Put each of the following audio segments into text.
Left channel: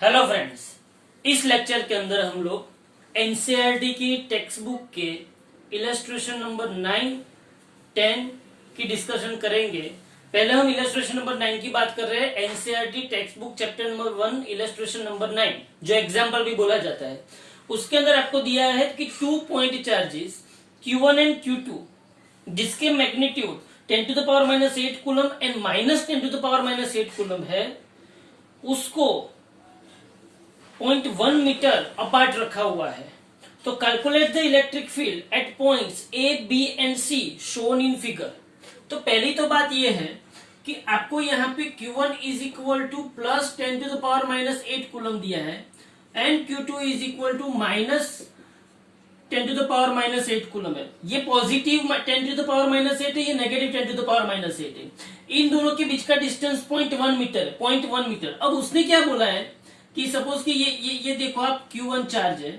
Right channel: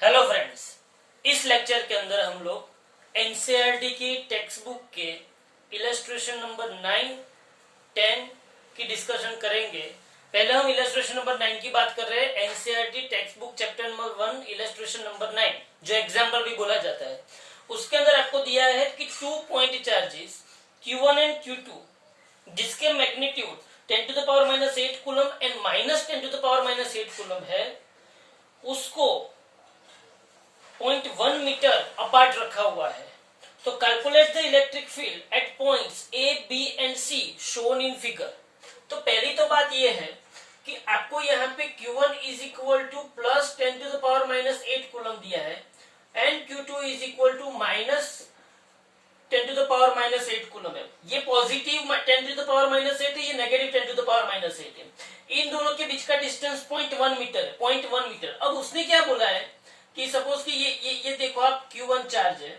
Hello friends, इस lecture के अंदर हम लोग एनसीईआरटी की टेक्स्ट बुक के इलस्ट्रेशन नंबर 9, 10 की डिस्कशन करेंगे। पहले हम इलस्ट्रेशन नंबर 9 की बात कर रहे हैं। NCERT text book chapter number 1 illustration number 9 जो एग्जाम्पल भी बोला जाता है, उसके अंदर आपको दिया है कि 2 point charges Q1 and Q2 जिसके magnitude 10 to the power -8 coulomb and -10 to the power -8 coulomb है, उसको 0.1 मीटर अपार्ट रखा हुआ है। तो calculate the electric field at points A, B and C shown in figure. तो पहली तो बात यह है कि आपको यहाँ पे Q1 is equal to plus 10 to the power -8 coulomb दिया है and Q2 is equal to -10 to the power -8 coulomb है। ये पॉजिटिव 10 to the power -8 है, ये नेगेटिव 10 to the power -8 है। इन दोनों के बीच का डिस्टेंस 0.1 मीटर है, 0.1 मीटर। अब उसने क्या बोला है कि सपोज कि ये देखो आप Q1 चार्ज है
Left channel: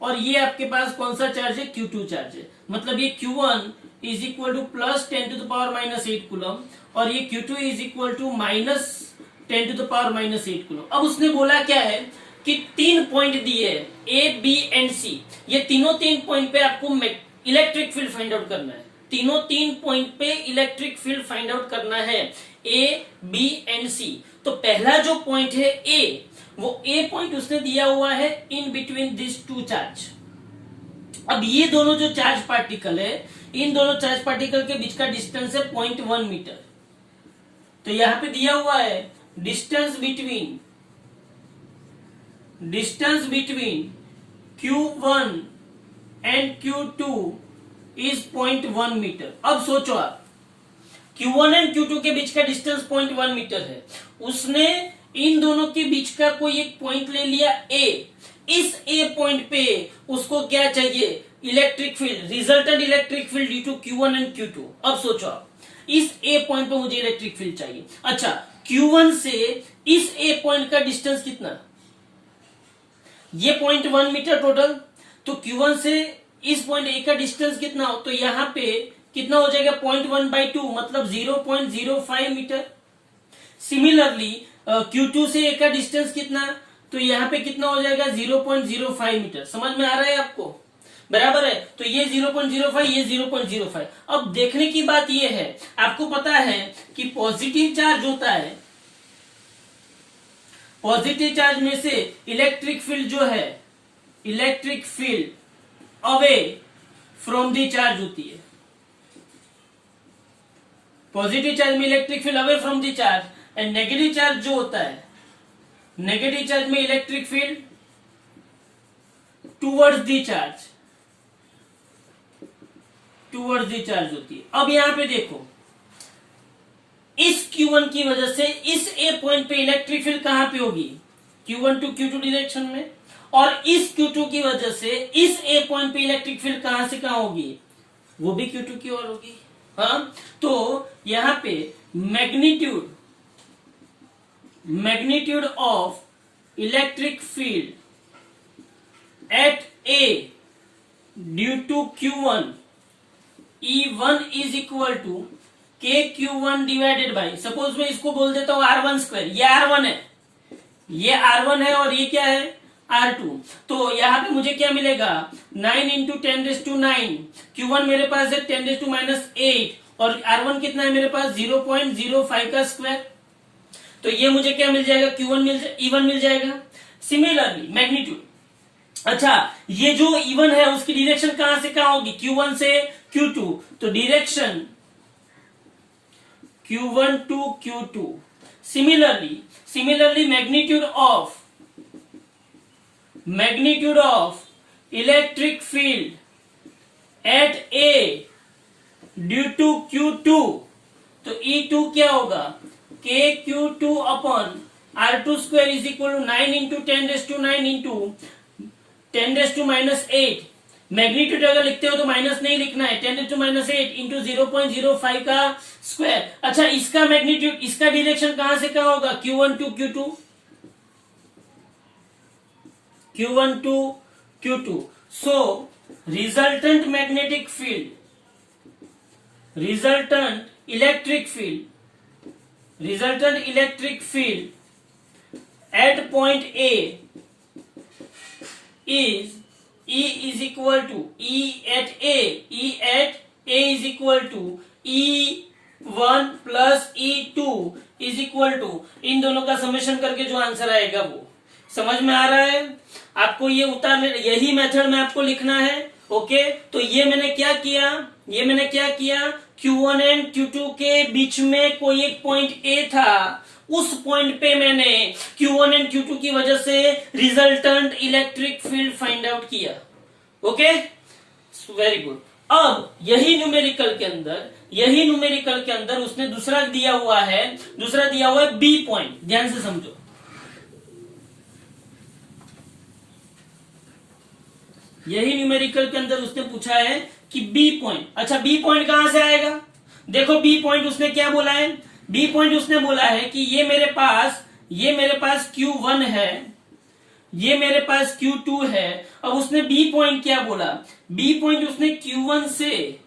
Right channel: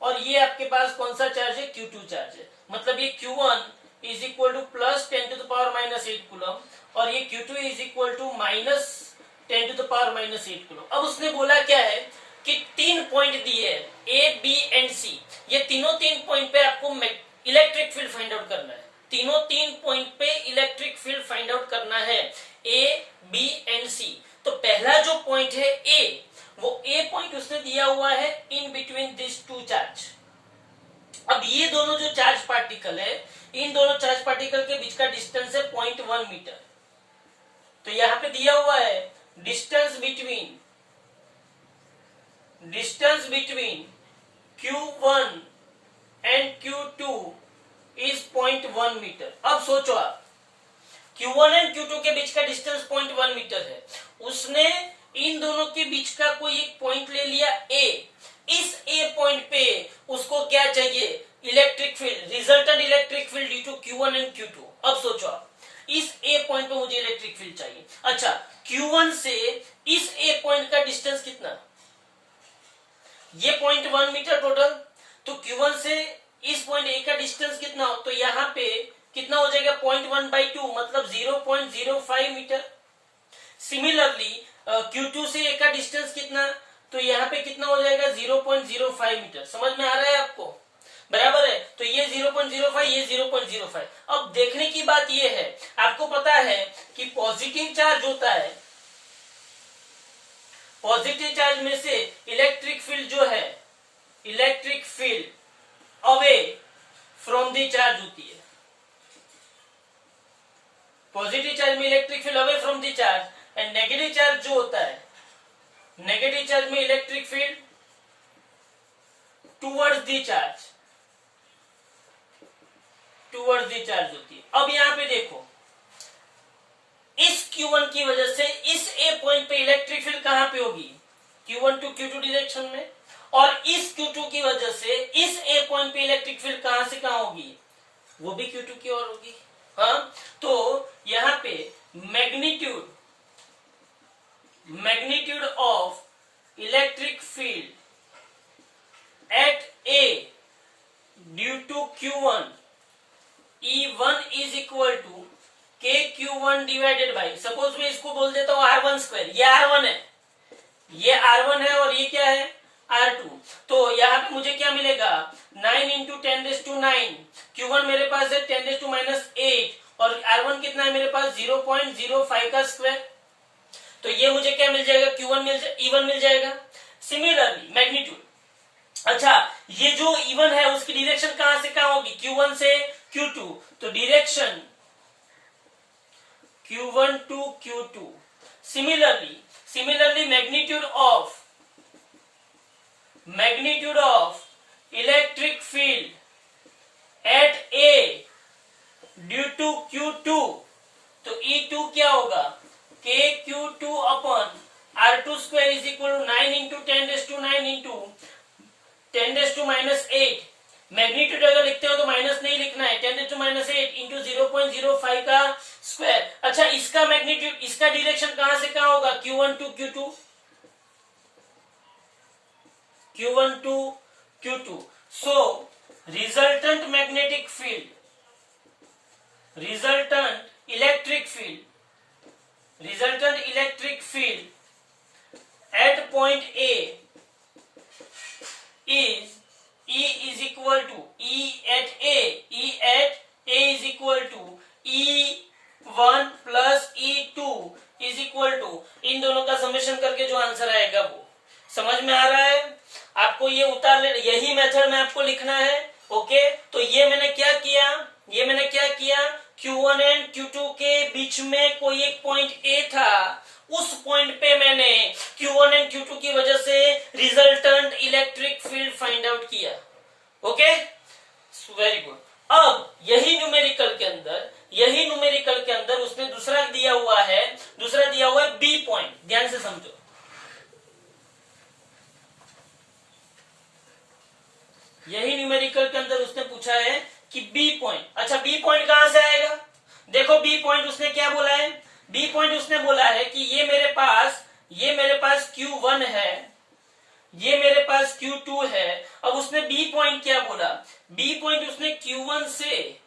और ये आपके पास कौन सा चार्ज है, Q2 चार्ज है। मतलब ये Q1 is equal to plus 10 to the power -8 coulomb और ये Q2 is equal to -10 to the power -8 coulomb. अब उसने बोला क्या है कि 3 पॉइंट दिए ए, बी एंड सी। ये तीनों 3 पॉइंट पे आपको इलेक्ट्रिक फील्ड फाइंड आउट करना है। तीनों 3 पॉइंट पे इलेक्ट्रिक फील्ड फाइंड आउट करना है, ए, बी एंड सी। तो पहला जो पॉइंट है ए, वो ए पॉइंट उसने दिया हुआ है in between this two charge. अब ये दोनों जो चार्ज पार्टिकल है, इन दोनों चार्ज पार्टिकल के बीच का डिस्टेंस है 0.1 मीटर। तो यहां पे दिया हुआ है distance between Q1 and Q2 is 0.1 metre. अब सोचो आप, Q1 एंड Q2 के बीच का डिस्टेंस 0.1 मीटर है। उसने इन दोनों के बीच का कोई एक पॉइंट ले लिया ए। इस ए पॉइंट पे उसको क्या चाहिए, electric field, resultant electric field due to Q1 and Q2। अब सोचो आप, इस ए पॉइंट पे मुझे इलेक्ट्रिक फील्ड चाहिए। अच्छा, Q1 से इस ए पॉइंट का डिस्टेंस कितना, ये 0.1 मीटर टोटल। तो Q1 से इस पॉइंट ए का डिस्टेंस कितना हो, तो यहां पे कितना हो जाएगा 0.1/2 मतलब 0.05 मीटर। सिमिलरली Q2 से ए का डिस्टेंस कितना, तो यहाँ पे कितना हो जाएगा 0.05 मीटर। समझ में आ रहा है आपको, बराबर है। तो ये 0.05, ये 0.05। अब देखने की बात ये है, आपको पता है कि पॉजिटिव चार्ज होता है, पॉजिटिव चार्ज में से इलेक्ट्रिक फील्ड जो है, electric field away from the charge होती है। पॉजिटिव चार्ज में electric field away from the charge and negative charge जो होता है, नेगेटिव चार्ज में electric field towards the charge, towards the charge होती है। अब यहां पे देखो, इस Q1 की वजह से इस ए पॉइंट पे इलेक्ट्रिक फील्ड कहां पे होगी, Q1 टू Q2 डायरेक्शन में, और इस Q2 की वजह से इस ए पॉइंट पे इलेक्ट्रिक फील्ड कहां से कहां होगी, वो भी Q2 की ओर होगी। हाँ, तो यहां पे magnitude of electric field at A due to Q1 E1 is equal to KQ1 divided by, suppose मैं इसको बोल देता हूं R12। ये R1 है, ये R1 है और ये क्या है R2। तो यहां पे मुझे क्या मिलेगा 9 इंटू 10⁻⁹। Q1 मेरे पास है 10⁻⁸ और R1 कितना है मेरे पास 0.05 का स्क्वायर। तो ये मुझे क्या मिल जाएगा, E1 मिल जाएगा। सिमिलरली मैग्नीट्यूड, अच्छा ये जो E1 है उसकी डायरेक्शन कहां से कहां होगी, Q1 से Q2। तो direction Q1 to Q2। Similarly magnitude of electric field at A due to Q2, तो E2 क्या होगा, KQ2 upon R2 square is equal to 9 into 10⁻⁹ into 10⁻⁸। Magnitude अगर लिखते हो तो माइनस नहीं लिखना है, 10⁻⁸ इंटू 0.05 का स्क्वायर। अच्छा, इसका मैग्नीट्यूड, इसका डायरेक्शन कहां से कहां होगा, Q1 to Q2, Q1 to Q2। So resultant magnetic field, resultant electric field at point A is E is equal to E at A is equal to E1 plus E2 is equal to, इन दोनों का summation करके जो answer आएगा वो समझ में आ रहा है आपको। ये उतार ले, यही मेथड में आपको लिखना है। ओके, तो ये मैंने क्या किया, Q1 एंड Q2 के बीच में कोई एक पॉइंट A था, उस पॉइंट पे मैंने Q1 एंड Q2 की वजह से resultant electric field find out किया। Okay, very good. अब यही न्यूमेरिकल के अंदर उसने दूसरा दिया हुआ है B पॉइंट। ध्यान से समझो, यही न्यूमेरिकल के अंदर उसने पूछा है कि B पॉइंट। अच्छा, B पॉइंट कहां से आएगा? देखो B पॉइंट उसने क्या बोला है, B पॉइंट उसने बोला है कि ये मेरे पास Q1 है, ये मेरे पास Q2 है। अब उसने B पॉइंट क्या बोला, B पॉइंट उसने Q1 से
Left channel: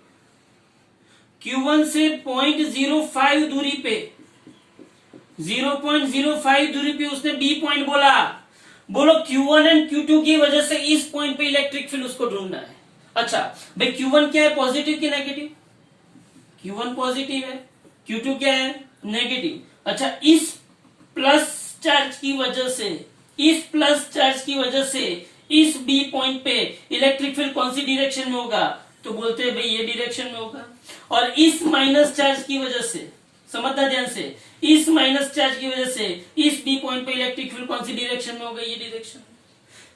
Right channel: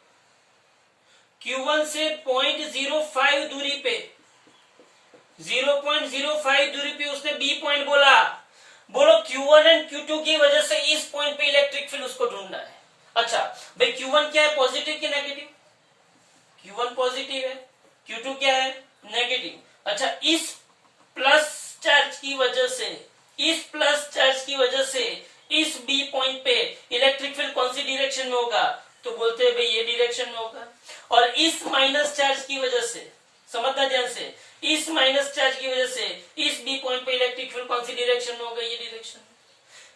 0.05 दूरी पे 0.05 दूरी पे उसने B पॉइंट बोला। बोलो Q1 एंड Q2 की वजह से इस पॉइंट पे इलेक्ट्रिक फील्ड उसको ढूंढना है। अच्छा भाई, Q1 क्या है, पॉजिटिव की नेगेटिव? Q1 पॉजिटिव है, Q2 क्या है, नेगेटिव। अच्छा, इस प्लस चार्ज की वजह से इस B पॉइंट पे इलेक्ट्रिक फील्ड कौन सी डायरेक्शन में होगा? तो बोलते हैं भाई ये डायरेक्शन में होगा। और इस माइनस चार्ज की वजह से, समझना ध्यान से, इस माइनस चार्ज की वजह से इस B पॉइंट पे इलेक्ट्रिक फील्ड कौन सी डायरेक्शन में होगा? ये डायरेक्शन।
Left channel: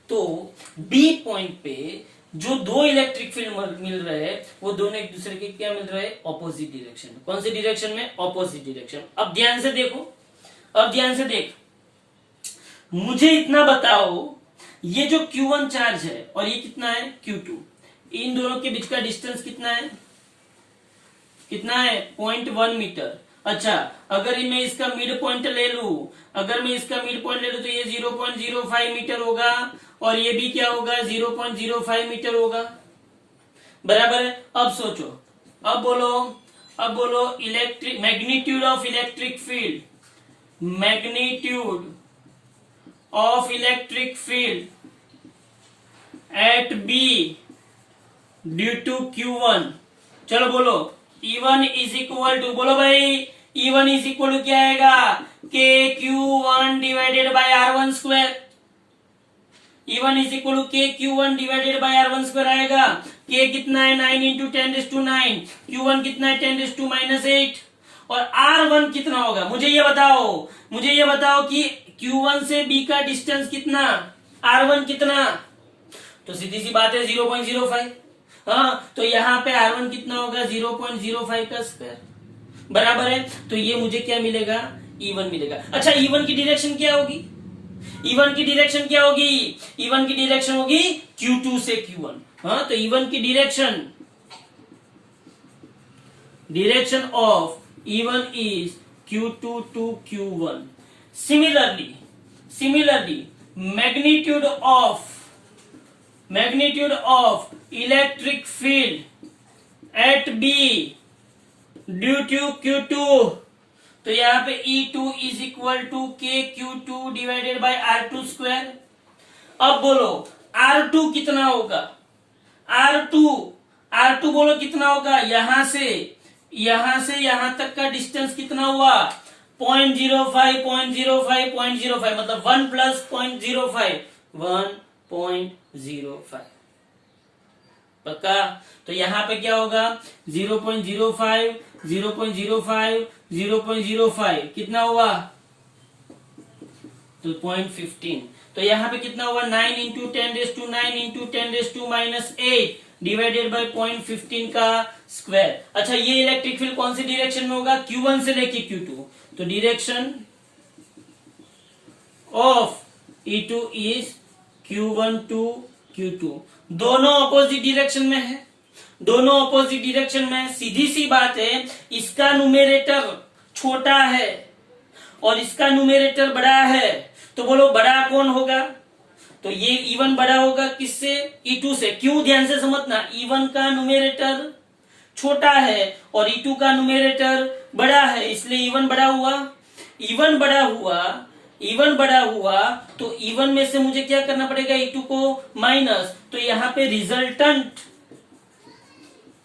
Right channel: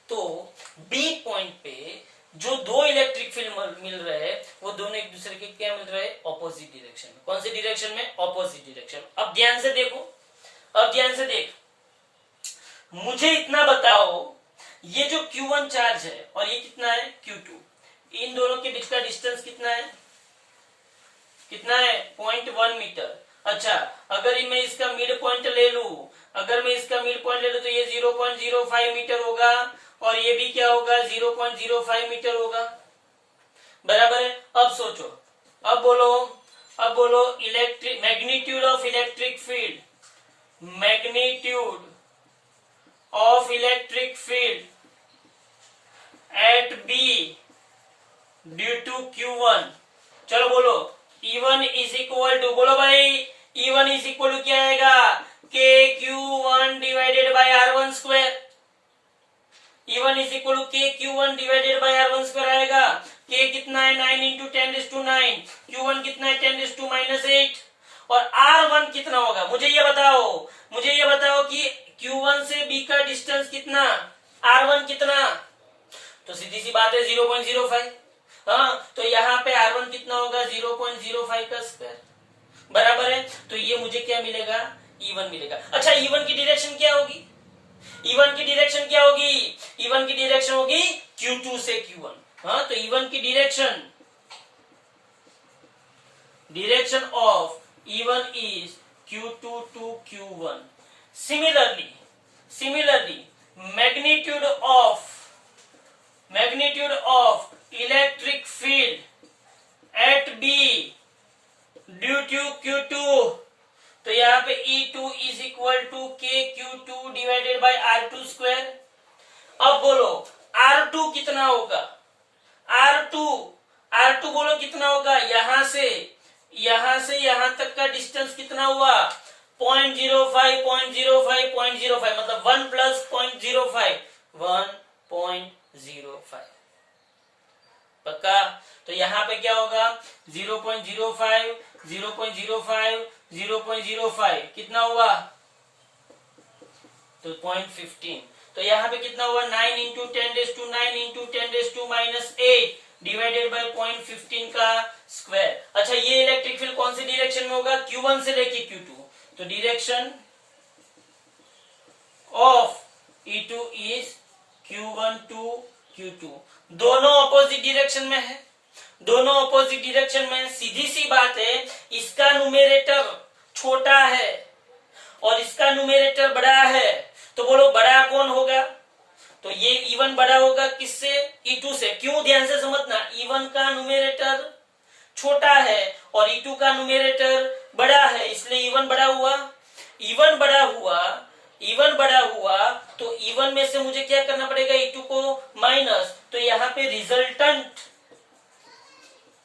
तो B पॉइंट पे जो दो इलेक्ट्रिक फील्ड मिल रहे हैं वो दोनों एक दूसरे के क्या मिल रहे हैं? ऑपोजिट डायरेक्शन में। कौन सी डायरेक्शन में? Opposite direction. अब ध्यान से देख, मुझे इतना बताओ, ये जो Q1 चार्ज है और ये कितना है, Q2, इन दोनों के बीच का डिस्टेंस कितना है? 0.1 मीटर। अच्छा, अगर मैं इसका मिड पॉइंट ले लू तो ये 0.05 मीटर होगा और ये भी क्या होगा? 0.05 मीटर होगा, बराबर है। अब सोचो, अब बोलो electric magnitude of electric field at B due to Q1। चलो बोलो, E1 इज इक्वल टू, बोलो भाई, E1 इज इक्वल टू क्या आएगा? KQ1 divided by R1 square. E1 is equal to KQ1 divided by R1 square आएगा। K कितना है? 9 into 10⁻⁹। Q1 कितना है? 10⁻⁻8। और R1 कितना होगा? मुझे ये बताओ कि Q1 से B का डिस्टेंस कितना, R1 कितना? तो सीधी सी बात है 0.05। हाँ, तो यहाँ पे R1 कितना होगा? 0.05 का स्क्वायर, बराबर है। तो ये मुझे क्या मिलेगा? E1 मिलेगा। अच्छा, E1 की डायरेक्शन क्या होगी? E1 की डायरेक्शन होगी Q2 से Q1। हाँ, तो E1 की direction of E1 is Q2 to Q1। Similarly, magnitude of electric field at B due to Q2, तो यहाँ पे E2 is equal to KQ2 divided by R2 square. अब बोलो R2 कितना होगा? R2 बोलो कितना होगा? यहां से यहां तक का डिस्टेंस कितना हुआ? 0.05 मतलब 1 प्लस 0.05 1.05। पक्का? तो यहाँ पे क्या होगा? 0.05 0.05 कितना हुआ? तो 0.15। तो यहाँ पे कितना हुआ? 9 इंटू 10⁻⁸ डिवाइडेड बाय 0.15 का स्क्वायर। अच्छा, ये इलेक्ट्रिक फील्ड कौन सी डायरेक्शन में होगा? Q1 से लेके Q2। तो direction of E2 is Q1 to Q2। दोनों ऑपोजिट डायरेक्शन में है। सीधी सी बात है, इसका न्यूमेरेटर छोटा है और इसका न्यूमेरेटर बड़ा है, तो बोलो बड़ा कौन होगा? तो ये E1 बड़ा होगा किससे? E2 से। क्यों? ध्यान से समझना, E1 का न्यूमेरेटर छोटा है और E2 का न्यूमेरेटर बड़ा है, इसलिए E1 बड़ा हुआ। E1 बड़ा हुआ तो E1 में से मुझे क्या करना पड़ेगा, E2 को माइनस, तो यहाँ पे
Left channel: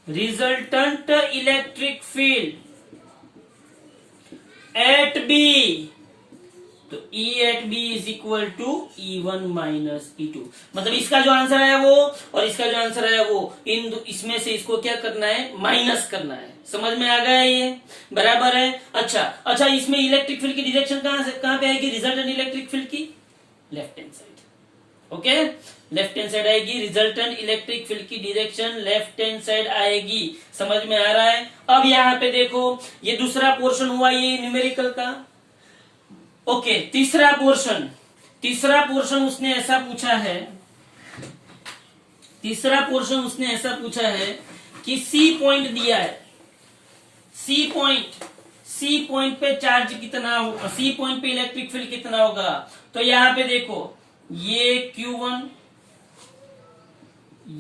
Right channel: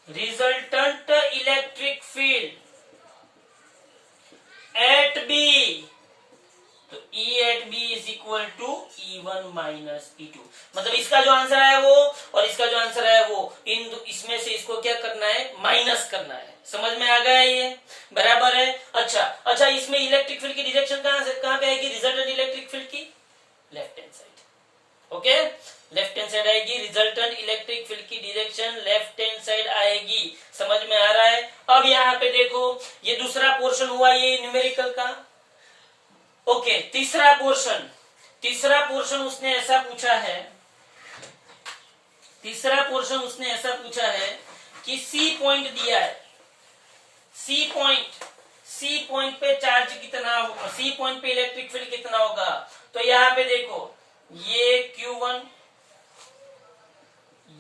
resultant electric field at B, तो E at B is equal to E1 minus E2। मतलब इसका जो आंसर है वो और इसका जो आंसर है वो, इसमें से इसको क्या करना है, माइनस करना है। समझ में आ गया ये, बराबर है। अच्छा, इसमें इलेक्ट्रिक फील्ड की डायरेक्शन कहां पे आएगी, रिजल्टेंट इलेक्ट्रिक फील्ड की left hand side. Okay, left hand side आएगी, रिजल्टेंट इलेक्ट्रिक फील्ड की डायरेक्शन लेफ्ट हैंड साइड आएगी। समझ में आ रहा है। अब यहाँ पे देखो, ये दूसरा पोर्शन हुआ ये न्यूमेरिकल का। ओके, तीसरा पोर्शन उसने ऐसा पूछा है, कि सी पॉइंट दिया है, सी पॉइंट पे चार्ज कितना होगा, सी पॉइंट पे इलेक्ट्रिक फील्ड कितना होगा। तो यहां पे देखो, ये Q1,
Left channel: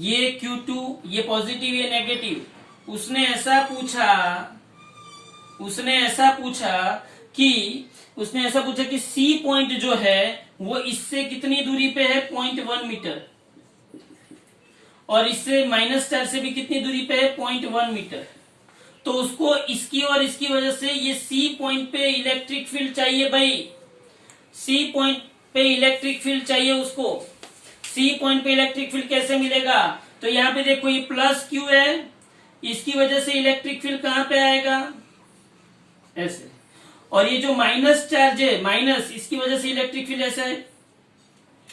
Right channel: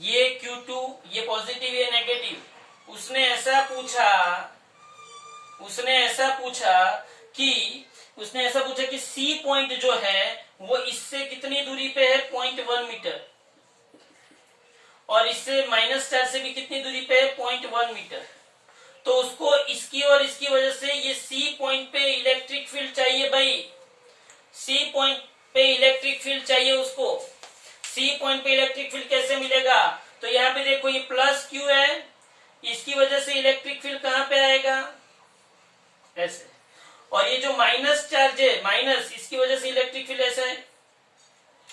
ये Q2, ये पॉजिटिव ये नेगेटिव। उसने ऐसा पूछा कि सी पॉइंट जो है वो इससे कितनी दूरी पे है, 0.1 मीटर, और इससे माइनस चार्ज से भी कितनी दूरी पे है, 0.1 मीटर। तो उसको इसकी और इसकी वजह से ये सी पॉइंट पे इलेक्ट्रिक फील्ड चाहिए भाई, सी पॉइंट पे इलेक्ट्रिक फील्ड चाहिए उसको। सी पॉइंट पे इलेक्ट्रिक फील्ड कैसे मिलेगा, तो यहाँ पे देखो ये प्लस क्यू है, इसकी वजह से इलेक्ट्रिक फील्ड कहां पे आएगा, ऐसे, और ये जो माइनस चार्ज है, माइनस, इसकी वजह से इलेक्ट्रिक फील्ड ऐसे है।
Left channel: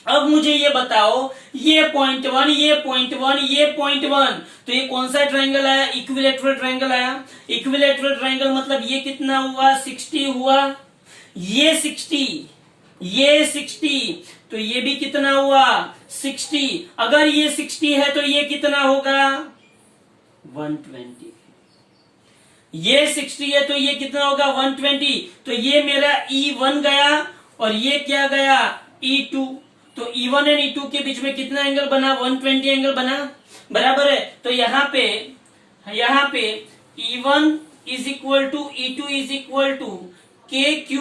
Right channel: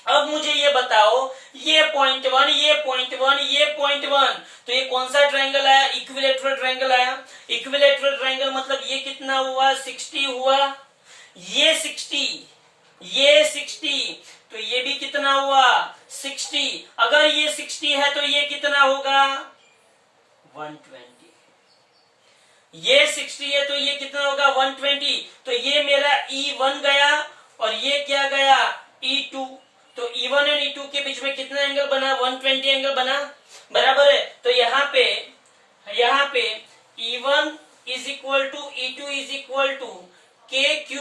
अब मुझे ये बताओ, ये 0.1, ये 0.1, ये 0.1, तो ये कौन सा ट्रायंगल आया, इक्विलैटरल ट्रायंगल आया। इक्विलैटरल ट्रायंगल मतलब ये कितना हुआ, 60 हुआ, ये 60, तो ये भी कितना हुआ, 60। अगर ये 60 है तो ये कितना होगा, 120। ये 60 है तो ये कितना होगा, 120। तो ये मेरा E1 गया और ये क्या गया, E2। तो E1 और E2 के बीच में कितना एंगल बना, 120 एंगल बना, बराबर है। तो यहाँ पे E1 is equal to E2 is equal to KQ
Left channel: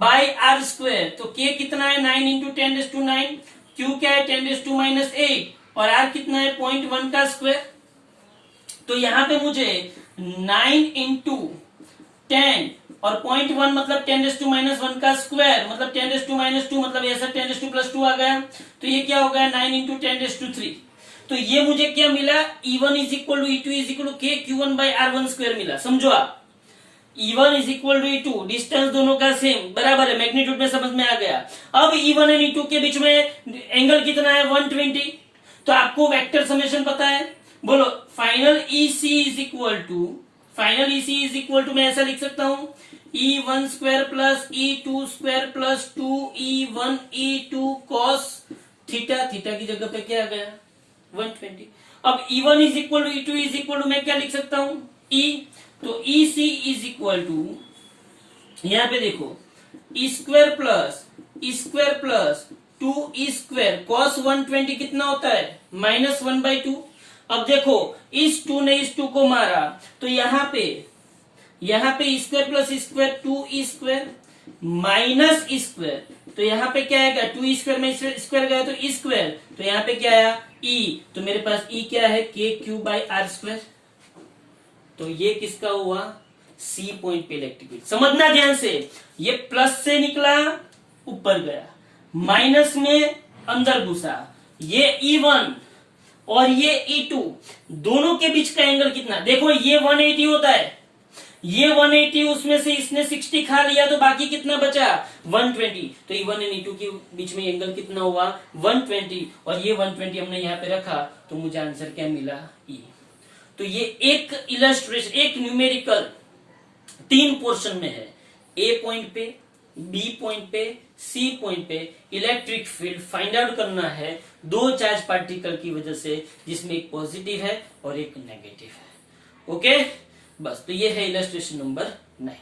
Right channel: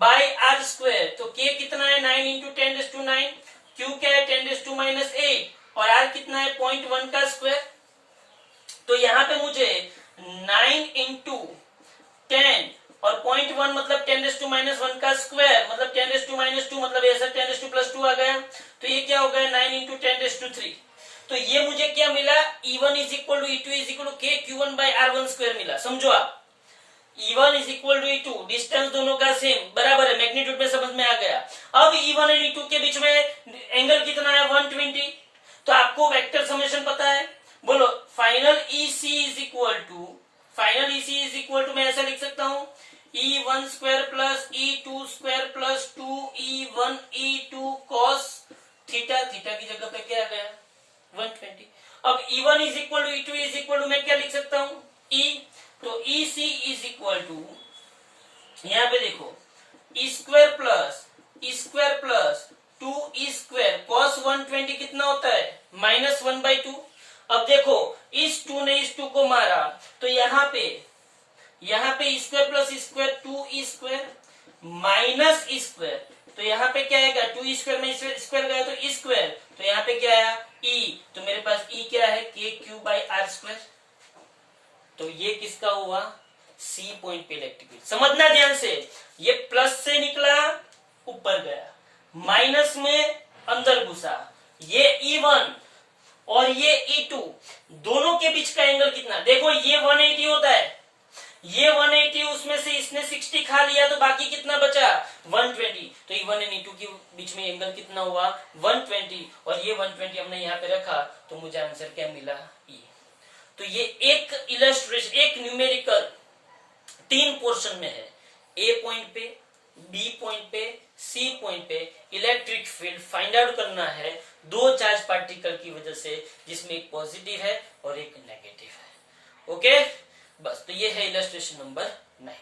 by R square. तो K कितना है, 9 इंटू 10⁻⁹, Q क्या है, 10⁻⁸, और R कितना है, 0.1 का स्क्वायर। तो यहाँ पे मुझे 9 इंटू 10 और 0.1 मतलब 10⁻⁻1 का स्क्वायर, मतलब 10⁻⁻2, मतलब ऐसा 10⁻+2 आ गया। तो ये क्या हो गया, 9 इंटू 10⁻3। तो ये मुझे क्या मिला, E1 is equal to E2 is equal to KQ1 by R1 square मिला। समझो आप, E1 is equal to E2, distance दोनों का सेम, बराबर है, मैग्नीट्यूड में समझ में आ गया। अब E1 और E2 के बीच में एंगल कितना है, 120। तो आपको वेक्टर समेशन पता है, बोलो final EC is equal to, मैं ऐसा लिख सकता हूं, E1 square plus E2 square plus 2E1 E2 cos theta, theta की जगह पे क्या आ गया, 120। अब E1 is equal to E2 is equal to, मैं क्या लिख सकता हूं, E। तो EC इज इक्वल टू, यहां पे देखो, E square plus 2E square cos 120 कितना होता है, -1/2। अब देखो, इस 2 ने इस 2 को मारा, तो यहाँ पे E square plus E square 2E square minus E square, तो यहाँ पे क्या आएगा, 2E स्क्वायर में स्क्वायर गया तो E स्क्वायर, तो यहाँ पे क्या आया, E। तो मेरे पास E क्या है, KQ बाई R स्क्वायर। तो ये किसका हुआ, C पॉइंट पे इलेक्ट्रिक फील्ड। समझना ध्यान से, ये प्लस से निकला ऊपर गया, माइनस में अंदर घुसा, ये E1 और ये E2, दोनों के बीच का एंगल कितना, देखो ये 180 होता है, ये 180, उसमें से इसने 60 खा लिया, तो बाकी कितना बचा, 120। तो E1 और E2 के बीच में एंगल कितना हुआ, 120, और ये 120 हमने यहाँ पे रखा, तो मुझे आंसर क्या मिला, E। तो ये एक इलस्ट्रेशन, एक न्यूमेरिकल 3 पोर्शन में है, A पॉइंट पे, B पॉइंट पे, C पॉइंट पे इलेक्ट्रिक फील्ड फाइंड आउट करना है 2 चार्ज पार्टिकल की वजह से, जिसमें एक पॉजिटिव है और एक नेगेटिव है। ओके, बस, तो ये है इलस्ट्रेशन नंबर 9।